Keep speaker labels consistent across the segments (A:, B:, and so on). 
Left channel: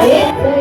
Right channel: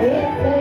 A: Yeah.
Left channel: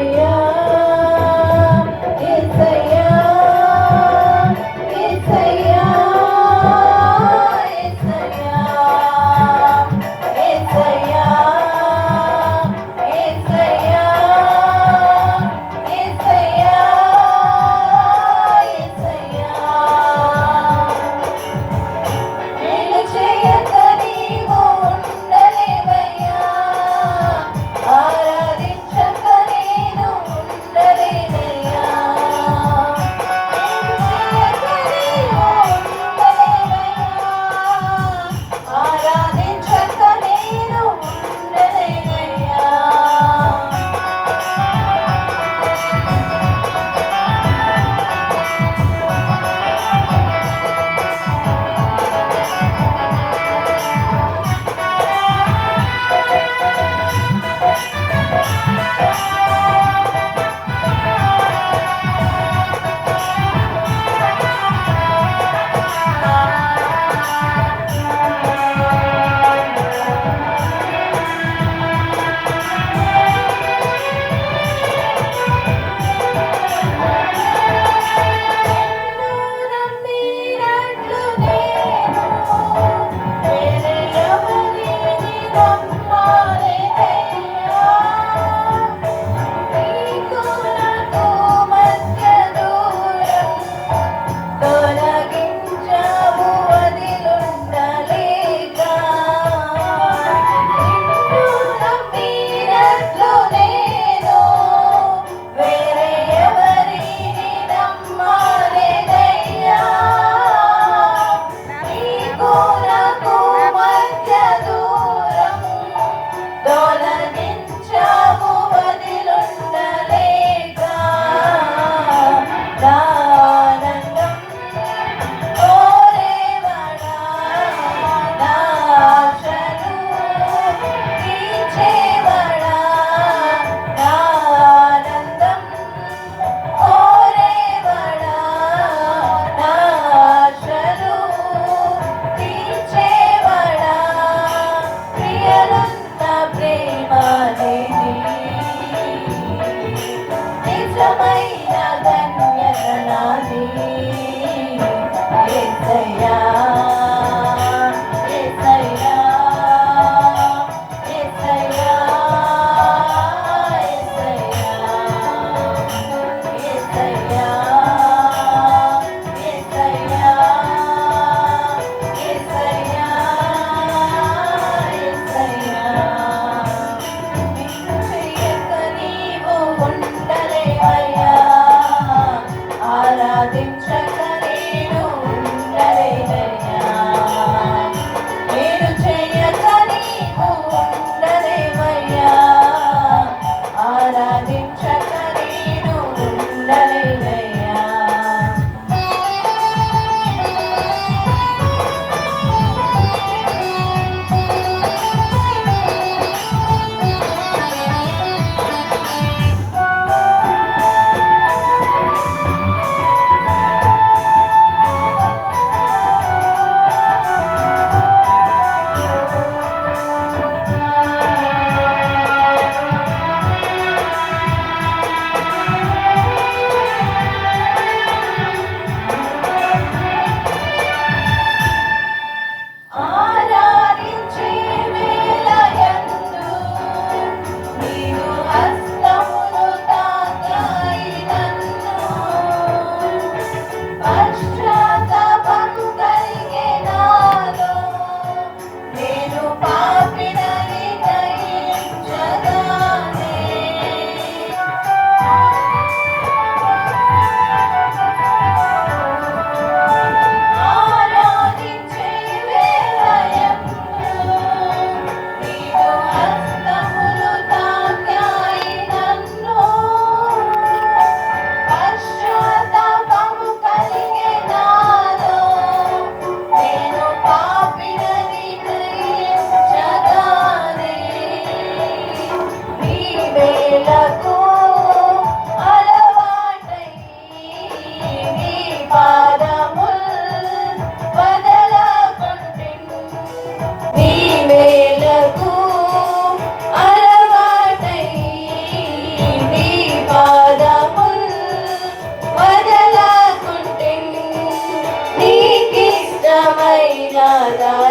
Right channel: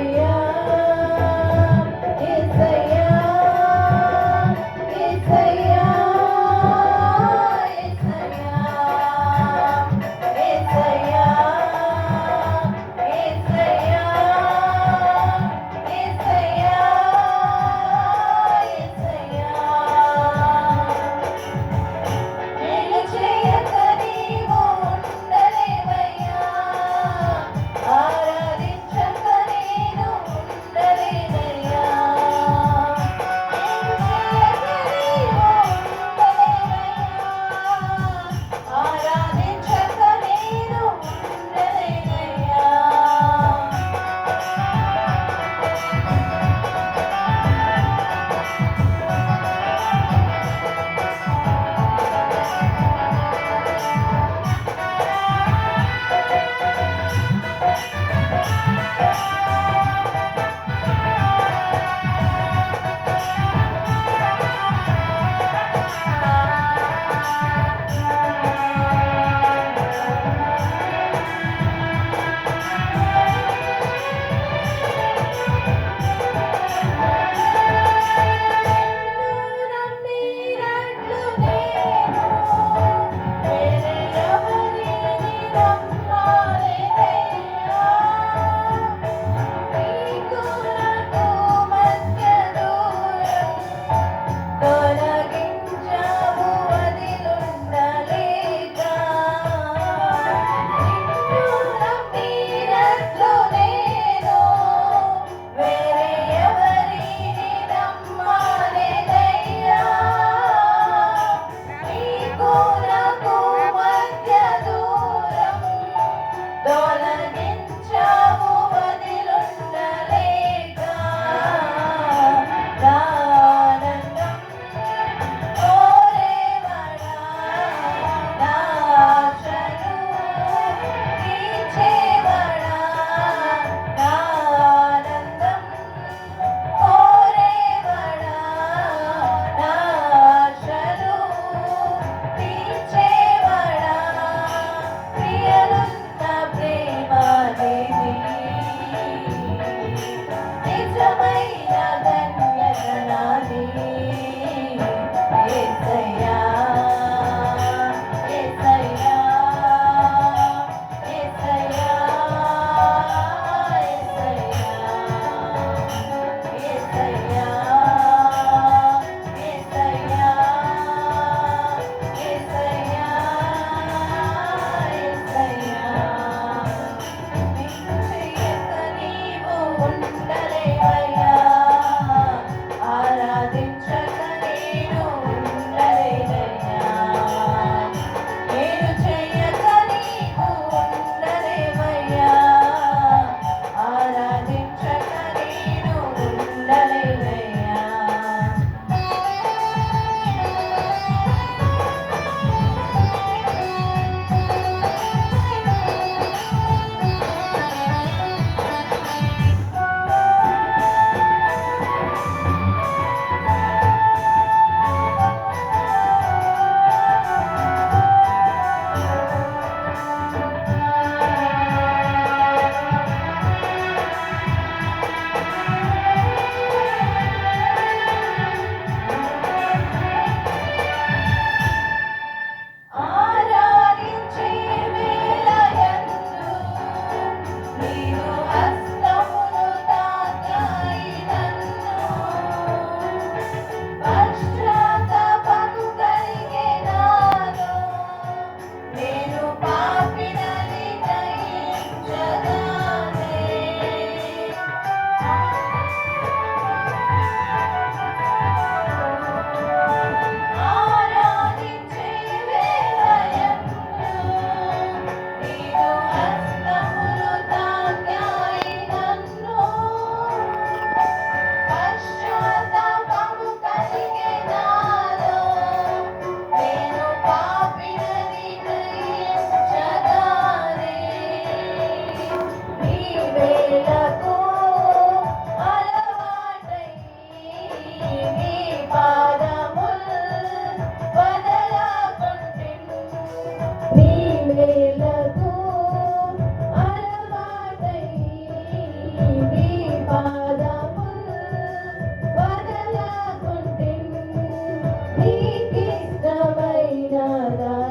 A: 哒哒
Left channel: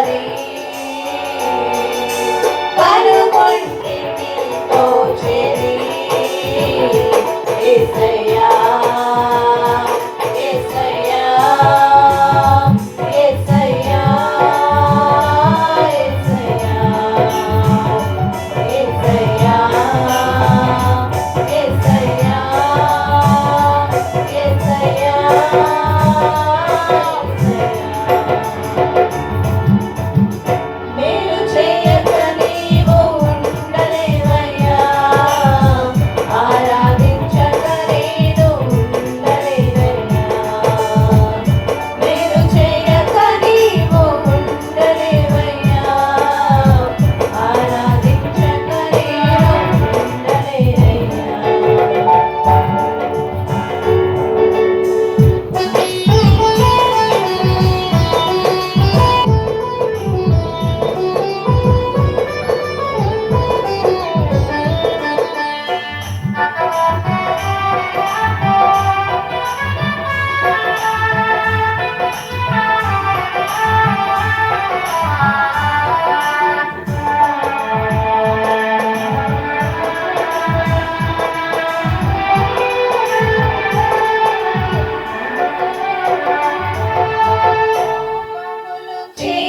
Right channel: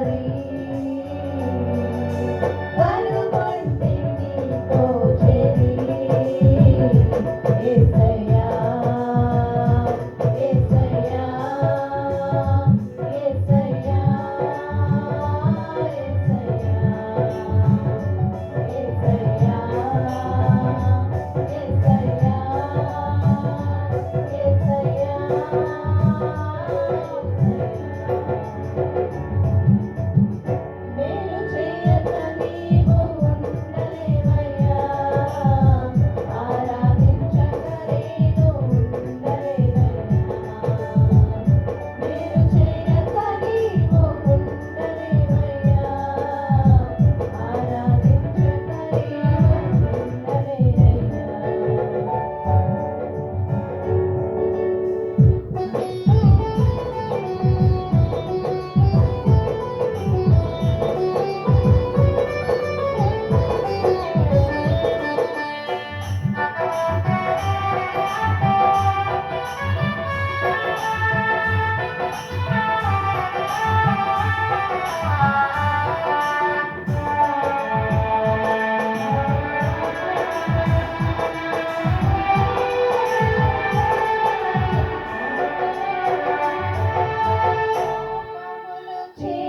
A: Take